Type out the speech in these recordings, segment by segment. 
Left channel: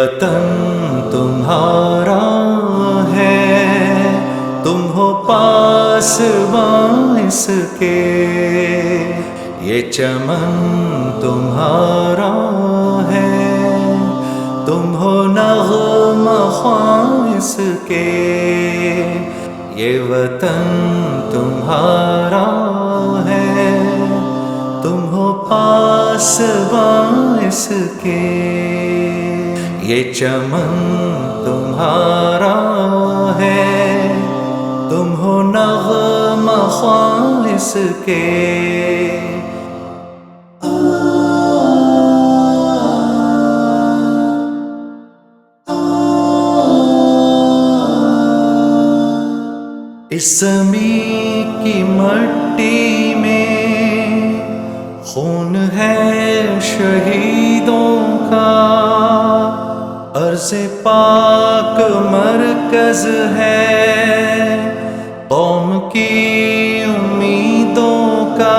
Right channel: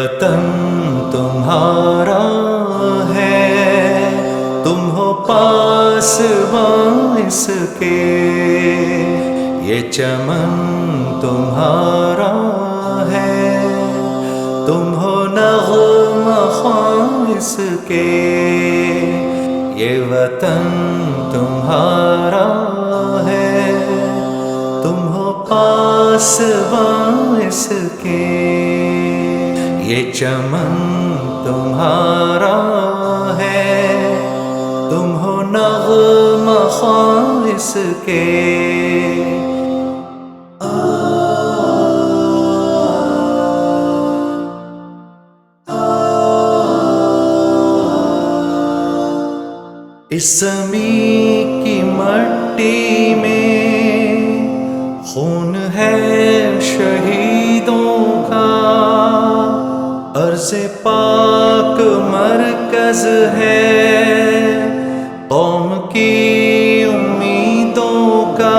وطن تمہارا ہے، تم ہو پاسباں اس کے، یہ چمن تمہارا ہے، تم ہو نغمہ خواں اس کے، یہ وطن تمہارا ہے، تم ہو پاسباں اس کے، یہ چمن تمہارا ہے، تم ہو نغمہ خواں اس کے۔ اس زمین کی مٹی میں خون ہے شہیدوں کا، عرض پاک مرکز ہے قوم کی امیدوں کا،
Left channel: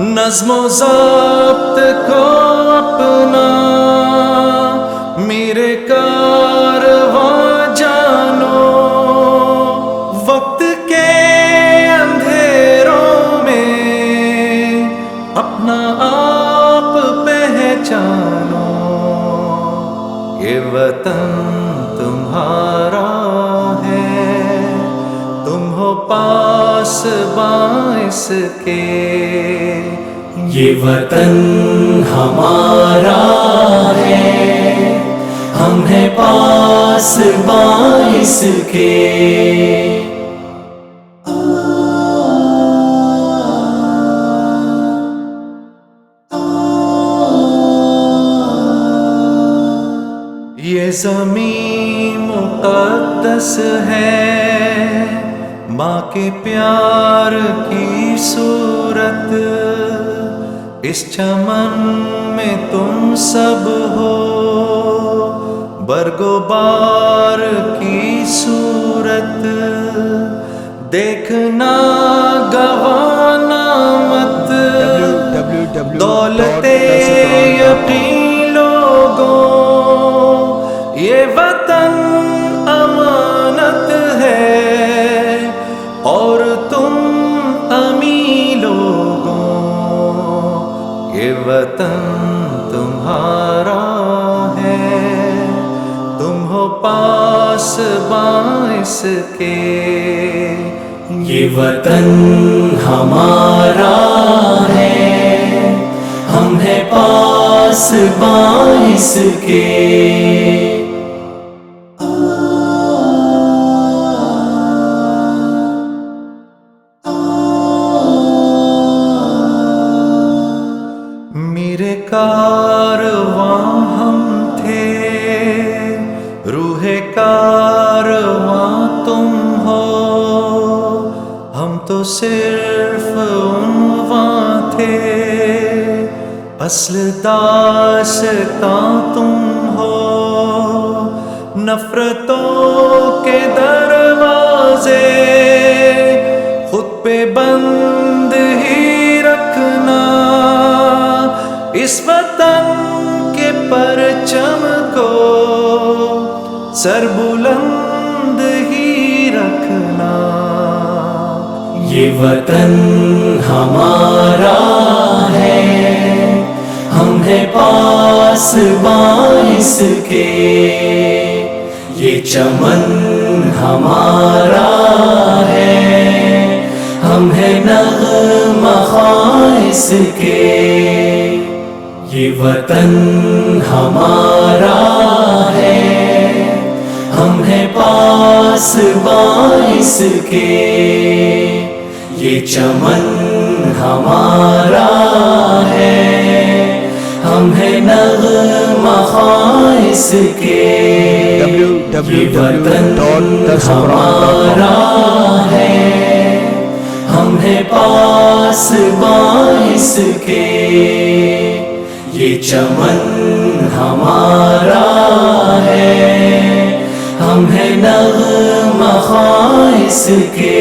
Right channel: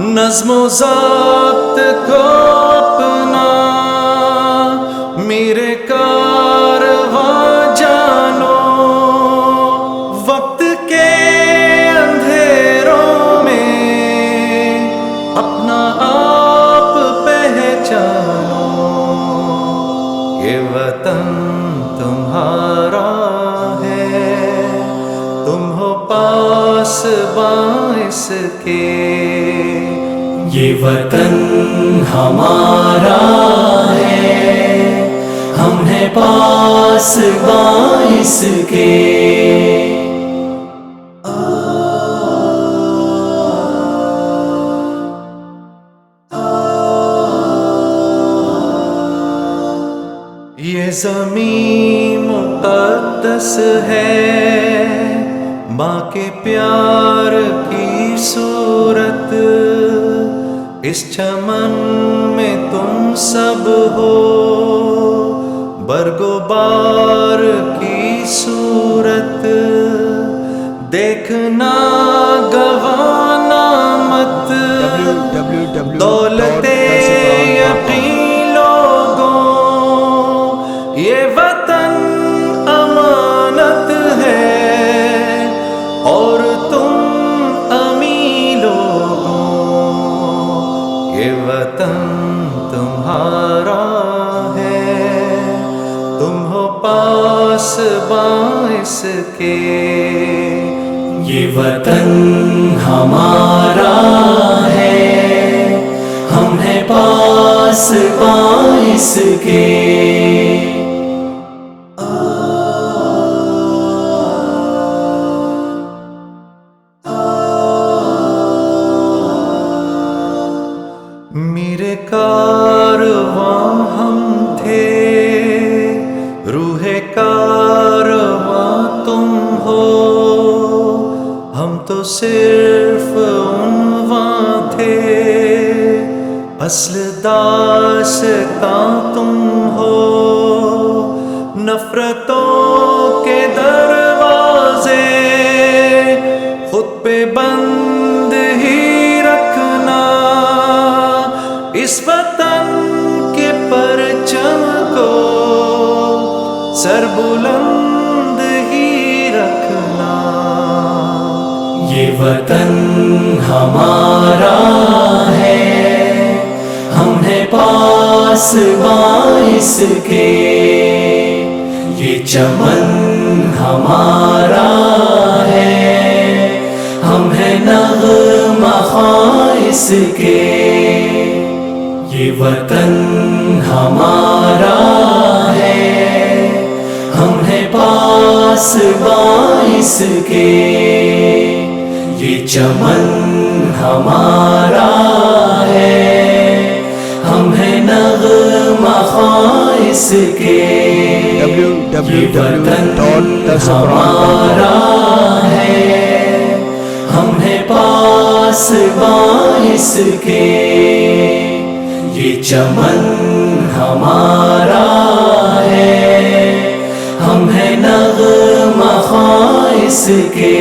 نظم و ضبط کو اپنا میرے کارواں جانو، وقت کے اندھیروں میں اپنا آپ پہچانو، یہ وطن تمہارا ہے، تم ہو پاسباں اس کے، یہ وطن ہمارا ہے، ہم ہیں پاسباں اس کے۔ یہ زمین مقدس ہے، ماں کے پیار کی صورت، اس چمن میں تم سب ہو برگ و بار کی صورت، دیکھنا گوانا مت دولت یقین لوگوں، یہ وطن امانت ہے اور تم امی لوگوں، یہ وطن تمہارا ہے، تم ہو پاسباں اس کے، یہ وطن ہمارا ہے، ہم ہیں پاسباں اس کے۔ میرے کارواں ہم تھے، روح کارواں تم ہو، ہم تو صرف عنواں تھے، اصل داستاں تم ہو، نفرتوں کے دروازے خود پہ بند ہی رکھنا، اس وطن کے پرچم کو سر بلند ہی رکھنا، یہ وطن ہمارا ہے، ہم ہیں پاسباں اس کے، یہ چمن ہمارا ہے، ہم ہیں نغمہ خواں اس کے، یہ وطن ہمارا ہے، ہم ہیں پاسباں اس کے، یہ چمن ہمارا ہے، ہم ہیں نغمہ خواں اس کے، یہ وطن ہمارا ہے، ہم ہیں پاسباں اس کے، یہ چمن ہمارا ہے، ہم ہیں نغمہ خواں اس کے۔